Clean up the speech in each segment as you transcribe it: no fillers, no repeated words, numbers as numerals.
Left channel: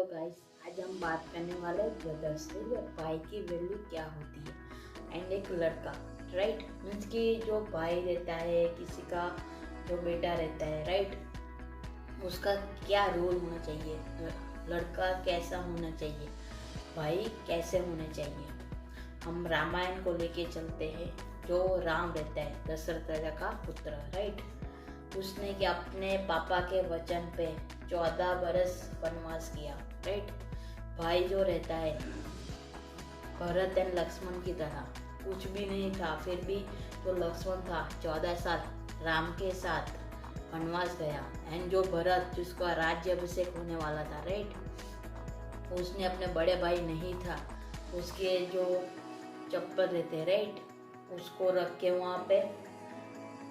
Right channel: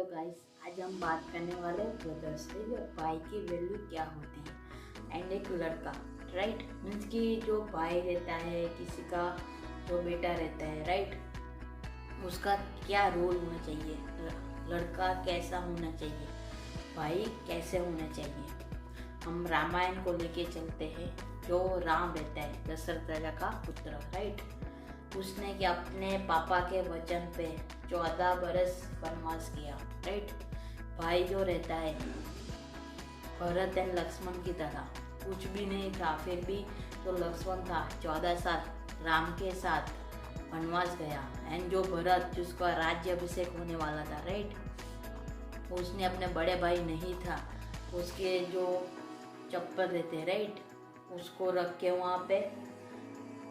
Hello guys, आज हम बात करने वाले ब्रदर्स से भाई की वैल्यू क्या होती है एंड एक लड़का। राइट मीन्स कि जो भाई रहता है, किसी का जो बेटा रहता है, राइट, उसका क्या रोल होना चाहिए, लड़का कैसा होना चाहिए, भाई कैसे होना चाहिए। हम रामायण को लेके चलते हैं। जो राम रहता है, दशरथ राजा का पुत्र, राइट, उसने कि अपने पापा के वचन पे 14 बरस वनवास किया। राइट, भाई जो रहता है भरत एंड लक्ष्मण की तरह कुछ भी नहीं था, फिर भी जो लक्ष्मण था 14 साल राम के साथ वनवास गया। एंड जो भरत, जिसका राज्य अभिषेक होने वाला था, राइट, उसने अपने बड़े भाई नहीं था, उसके जो चप्पल रहते, राइट, उसको रख के वहाँ पे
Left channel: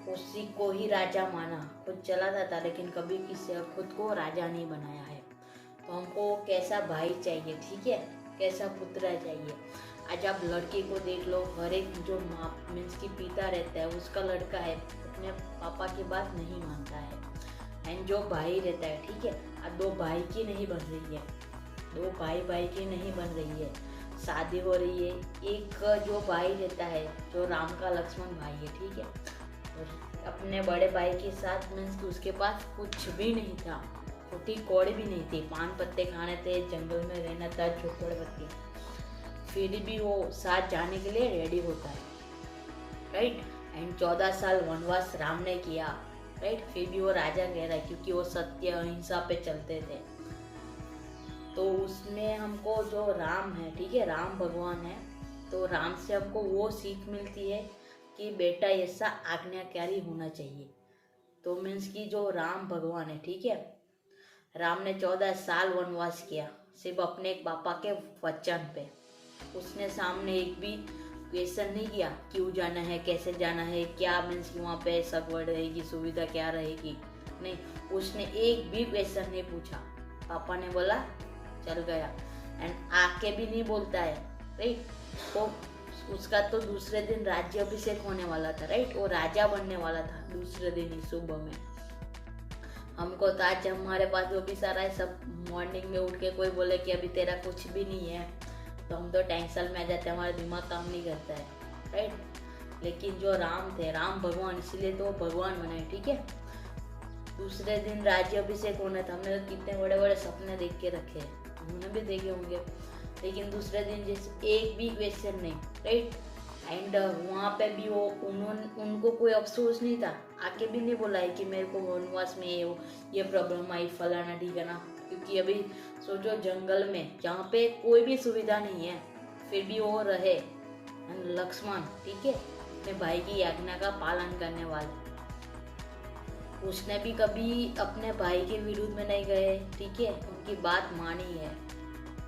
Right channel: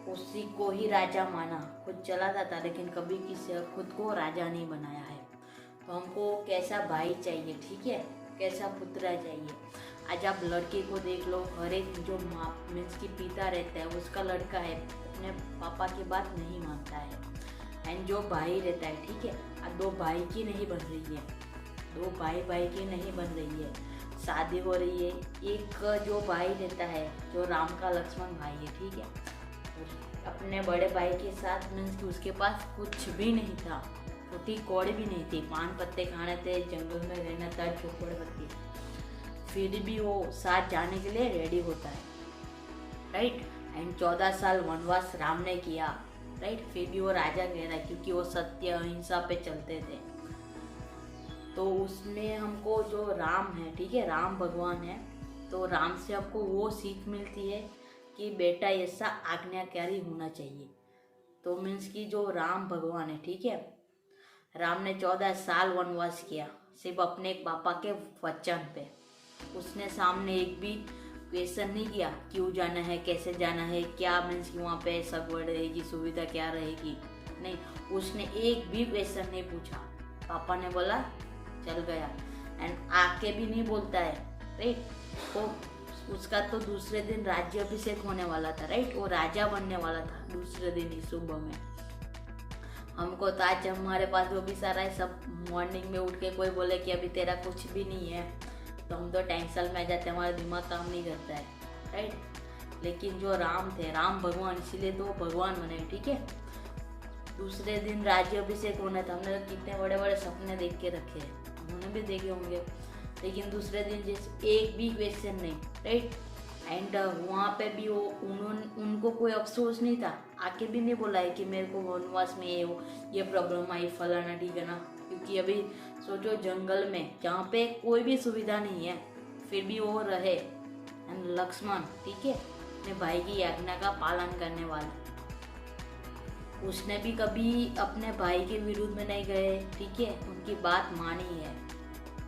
उसी को ही राजा माना। खुद चला था लेकिन कभी किसी खुद को राजा नहीं बनाया है। तो हमको कैसा भाई चाहिए, ठीक है, कैसा पुत्र चाहिए। आज आप लड़के को देख लो, हर एक जो माँ मीन्स की पिता रहता है, उसका लड़का है, अपने पापा की बात नहीं मानता है। एंड जो भाई रहता है, ठीक है, अब दो भाई की नहीं बन रही है, दो भाई की नहीं बन रही है, शादी हो रही है। एक जो भाई रहता है, जो राम का लक्ष्मण भाई है, ठीक है, और अपने बड़े भाई के साथ मीन्स कि उसके पास कुछ भी नहीं था, छोटी कौड़ी भी नहीं थी, पान पत्ते खाने थे, जंगल में रहना था, झोपड़पट्टी, फिर भी वो साथ जाने के लिए रेडी होता है। राइट, एंड 14 साल वनवास राम ने किया, राइट, फिर भी वो राजा कह रहा है क्योंकि वो सत्य अहिंसा पे चलते थे। तो उसमें हमको जो राम है, ठीक है, राम भगवान है, तो राम से हमको वो सीख मिलती है कि बेटा ऐसा आज्ञाकारी होना चाहिए। तो मीन्स कि जो राम भगवान है, ठीक है, राम ने 14 साल वनवास किया सिर्फ अपने पापा के वचन पे। उसने सामने एक भी क्वेश्चन नहीं किया क्यों जाना है, कैसे जाना है, क्या मीन्स कि वहाँ पे सगवड़ रहेगी, सुविधा क्या रहेगी, नहीं, उसने एक भी क्वेश्चन नहीं पूछा। पापा ने बोला चल गया, एंड आके भी नहीं बोलता है, राइट। तो उसका तो दूसरे दिन राज्य अभिषेक होने वाला था, राइट, वो राजा बनने वाला था दूसरे दिन ही सुबह में। हमको तो आज हमारे पास जो भी सारा है सब, मॉर्निंग में उठ के कोई बोले कि अभी तेरा कुछ भी नहीं है, तो हम तो टेंशन में आ जाते हैं, हमारा दिमाग काम नहीं करता है, राइट। लेकिन जो राम थे, राम भगवान, इसीलिए तो भगवान बने, ठीक है। दूसरे दिन राज्य अभिषेक होना था, हमने कितने बड़े बड़े सपने देख के रखे हैं, उन्होंने भी देखे होंगे, लेकिन दूसरे दिन जैसे एक भी क्वेश्चन नहीं, राइट। एंड वहाँ पे भी वो उनको कोई अफसोस नहीं था, आके भी नहीं बोला है कि मेरे को वनवास में ये प्रॉब्लम आई, फलाना ठिकाना, क्योंकि अभी सोचो जंगल में जहाँ पे कोई भी सुविधा नहीं है, फिर भी वो रहे। एंड लक्ष्मण, ठीक है, अपने भाई की आज्ञा का पालन करने वाला, उसने भी कभी अपने भाई के विरुद्ध में नहीं गए, ठीक है, उनकी बात मानी है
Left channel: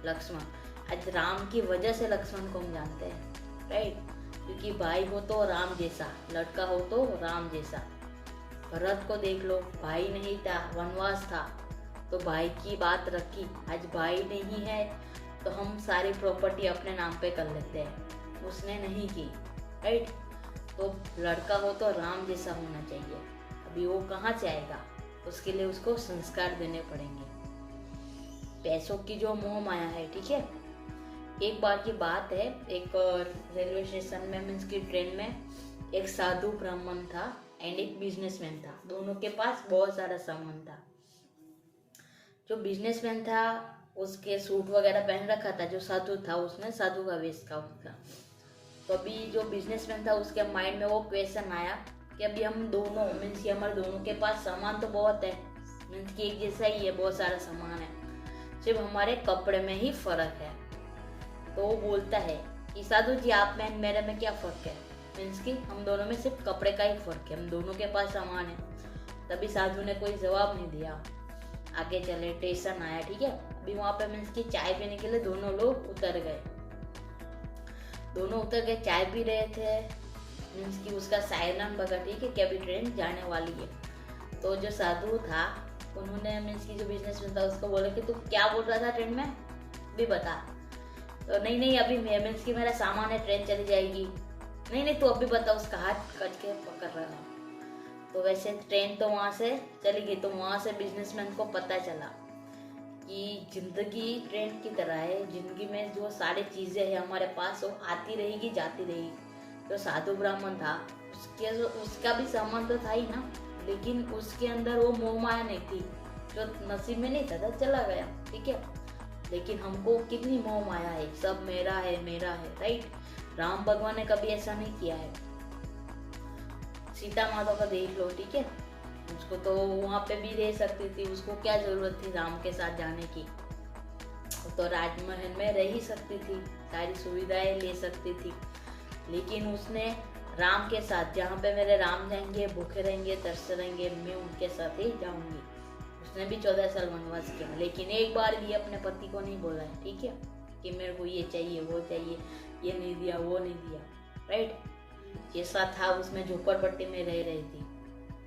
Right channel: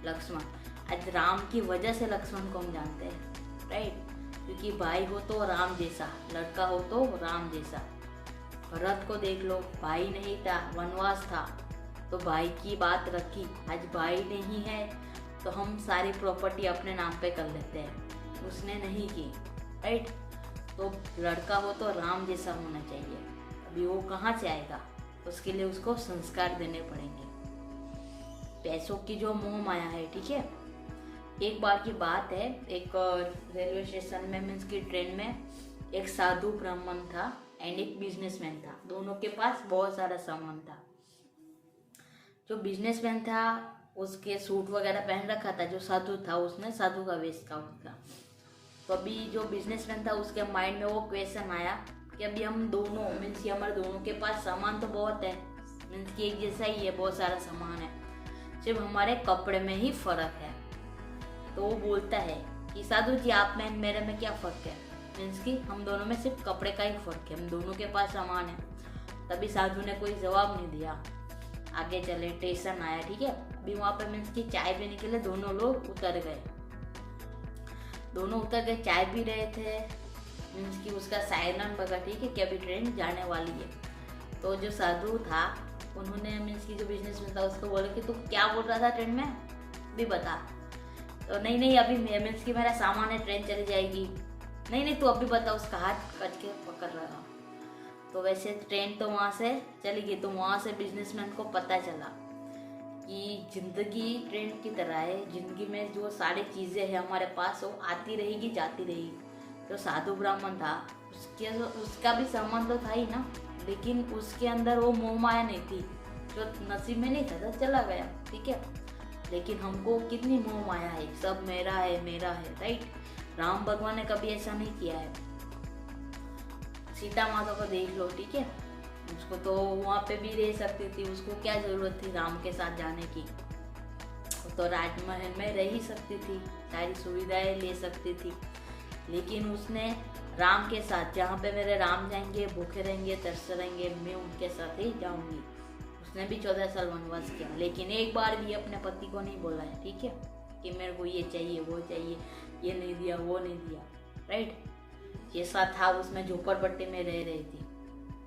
लक्ष्मण। आज राम की वजह से लक्ष्मण को हम जानते हैं, राइट, क्योंकि भाई हो तो राम जैसा, लड़का हो तो राम जैसा। भरत को देख लो, भाई नहीं था, वनवास था, तो भाई की बात रखी। आज भाई नहीं है तो हम सारी प्रॉपर्टी अपने नाम पे कर लेते हैं, उसने नहीं की, राइट। तो लड़का हो तो राम जैसा होना चाहिए। अभी वो कहाँ से आएगा, उसके लिए उसको संस्कार देने पड़ेंगे। पैसों की जो मोह माया है, ठीक है, एक बार की बात है, एक रेलवे स्टेशन में मीन्स की ट्रेन में एक साधु ब्राह्मण था एंड एक बिजनेसमैन था, दोनों के पास बहुत सारा सामान था। जो बिजनेसमैन था उसके सूट वगैरह पहन रखा था, जो साधु था उसने साधु का वेश का उसका। तो अभी जो बिजनेसमैन था उसके माइंड में वो क्वेश्चन आया कि अभी हम दोनों मीन्स कि हमारे दोनों के पास सामान तो बहुत है, मीन्स कि एक जैसा ही है, बहुत सारा सामान है, सिर्फ हमारे कपड़े में ही फर्क है। तो वो बोलता है कि साधु जी आप में मेरे में क्या फ़र्क है, मीन्स कि हम दोनों में सिर्फ कपड़े का ही फ़र्क है, हम दोनों के पास सामान है। तभी साधु ने कोई जवाब नहीं दिया, आगे चले, स्टेशन आया, ठीक है। अभी वहाँ पे मीन्स कि चाय पीने के लिए दोनों लोग उतर गए, दोनों उतर गए, चाय पी रहे थे, मीन्स कि उसका साइरन बजा, ठीक है, कि अभी ट्रेन जाने वाली है। तो जो साधु था उन्होंने मीन्स कि जो बिजनेसमैन था उसको बोला कि तू क्या बोल रहा था ट्रेन में, भी बता। तो नहीं अभी मीन्स कि मेरा सामान है, ट्रेन चली जाएगी, नहीं तू अभी बता, उसका हाथ कट के पकड़ रहा। तो वैसे ट्रेन तो वहाँ से चली गई, तो वहाँ से बिजनेसमैन को पता चला कि जिंदगी ट्रेन की तरह है। जिंदगी में जो सारी चीज़ें हैं हमारे पास वो आती रहेगी जाती रहेगी। जो साधु ब्राह्मण था उसका भी सामान तो था ही ना, लेकिन उसके अंदर वो मोह माया नहीं थी। जो नसीब में नहीं था तो चला गया, ठीक है। लेकिन हमको कितनी मोह माया है, सब मेरा है मेरा है, राइट। राम भगवान ने कभी ऐसा नहीं किया है। सीता माता को देख लो, ठीक है। उसको तो वहाँ पे भी रह सकती थी, उसको क्या जरूरत थी राम के साथ जाने की। तो राजमहल में रह ही सकती थी, सारी सुविधाएं ले सकती थी। लेकिन उसने राम के साथ, जहाँ पे मेरे राम जाएंगे, भूखे रहेंगे, तरसे रहेंगे, मैं उनके साथ ही जाऊंगी। उसने भी 14 साल वनवास किया, लेकिन एक बार भी अपने पति को नहीं बोला है, ठीक है, कि मेरे को ये चाहिए वो चाहिए, ये नहीं दिया वो नहीं दिया, राइट। जैसा था उसमें झोपड़पट्टी में रह रही थी,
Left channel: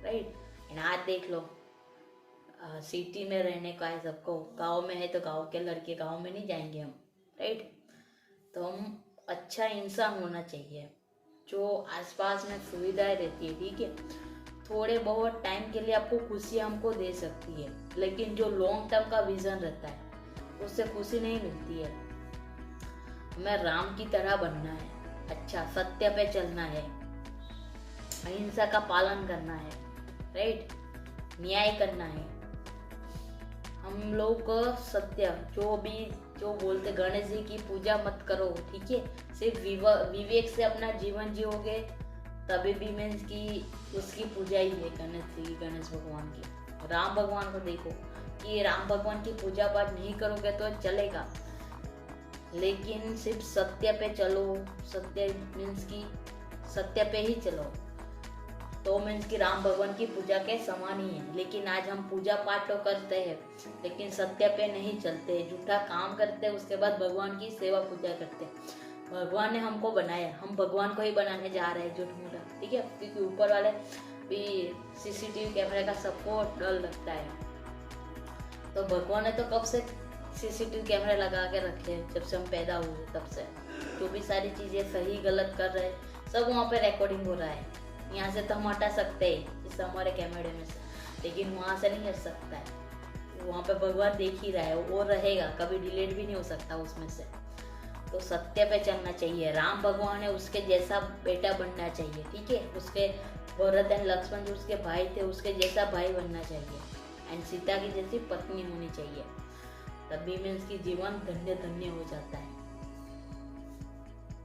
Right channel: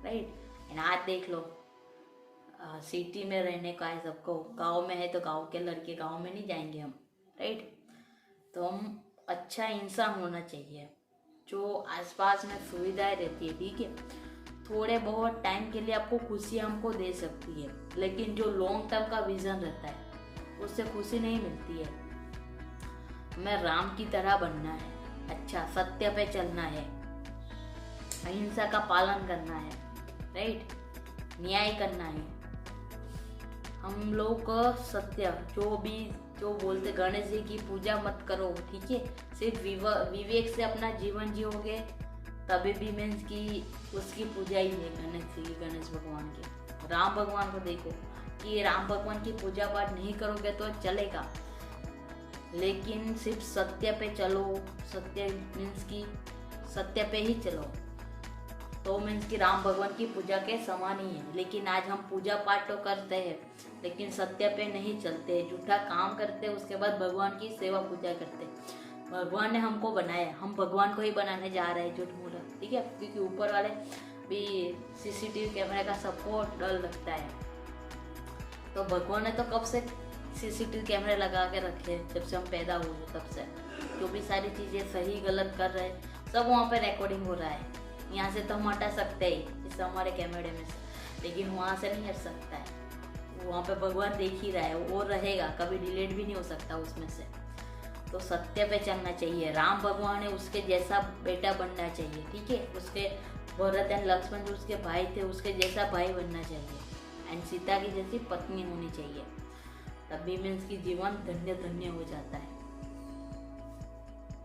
राइट। एंड आज देख लो, सिटी में रहने का है सबको। गांव में है तो गांव के लड़के गांव में नहीं जाएंगे हम, राइट। तो हम अच्छा इंसान होना चाहिए, जो आसपास में सुविधाएं रहती है, ठीक है। थोड़े बहुत टाइम के लिए आपको खुशी हमको दे सकती है, लेकिन जो लॉन्ग टर्म का विजन रहता है उससे खुशी नहीं मिलती है। हमें राम की तरह बनना है, अच्छा सत्य पे चलना है, अहिंसा का पालन करना है, राइट, न्याय करना है। हम लोग को सत्य, जो बोलते गणेश जी की पूजा मत करो, ठीक है। सिर्फ विवेक से अपना जीवन जियोगे तभी भी मीन्स की उसकी पूजा ही है गणेश भगवान की। राम भगवान को देखो कि राम भगवान की पूजा पाठ नहीं करोगे तो चलेगा, लेकिन सिर्फ सत्य पे चलो, सत्य मीन्स की सत्य पे ही चलो, तो मीन्स की राम भगवान की पूजा के समान ही है। लेकिन आज हम पूजा पाठ तो करते हैं, लेकिन सत्य पे नहीं चलते, झूठा काम करते, उसके बाद भगवान की सेवा पूजा करते। भगवान ने हमको बनाया, हम भगवान को ही बनाने जा रहे हैं झूठ मूठा, ठीक है। क्योंकि ऊपर वाले भी सीसीटीवी कैमरे का सबको डर लगता है, तो भगवान ने तो कब से सीसीटीवी कैमरे लगा के रखे, जब से हम पैदा हुए तब से। जो भी सारी चीजें सही गलत कर रहे हैं सब वहाँ पे रिकॉर्डिंग हो रहा है। यहाँ से तो हम हटा सकते हैं इस हमारे कैमरे में से, लेकिन वहाँ से नहीं हट सकता है। वहाँ पे भगवान देख ही रहा है, वो रहेगा, कभी डिलीट भी नहीं हो सकता उसमें से। तो सत्य पे चलना चाहिए। राम भगवान है, उसके जैसा बेटा बनना चाहिए, ठीक है। उसके भरत एंड लक्ष्मण जो उसके भाई थे, उसके जैसा भाई बनना चाहिए। एंड सीता की जैसी पत्नी होनी चाहिए, तभी में उसकी जीवन धन्य धन्य हो जाता है।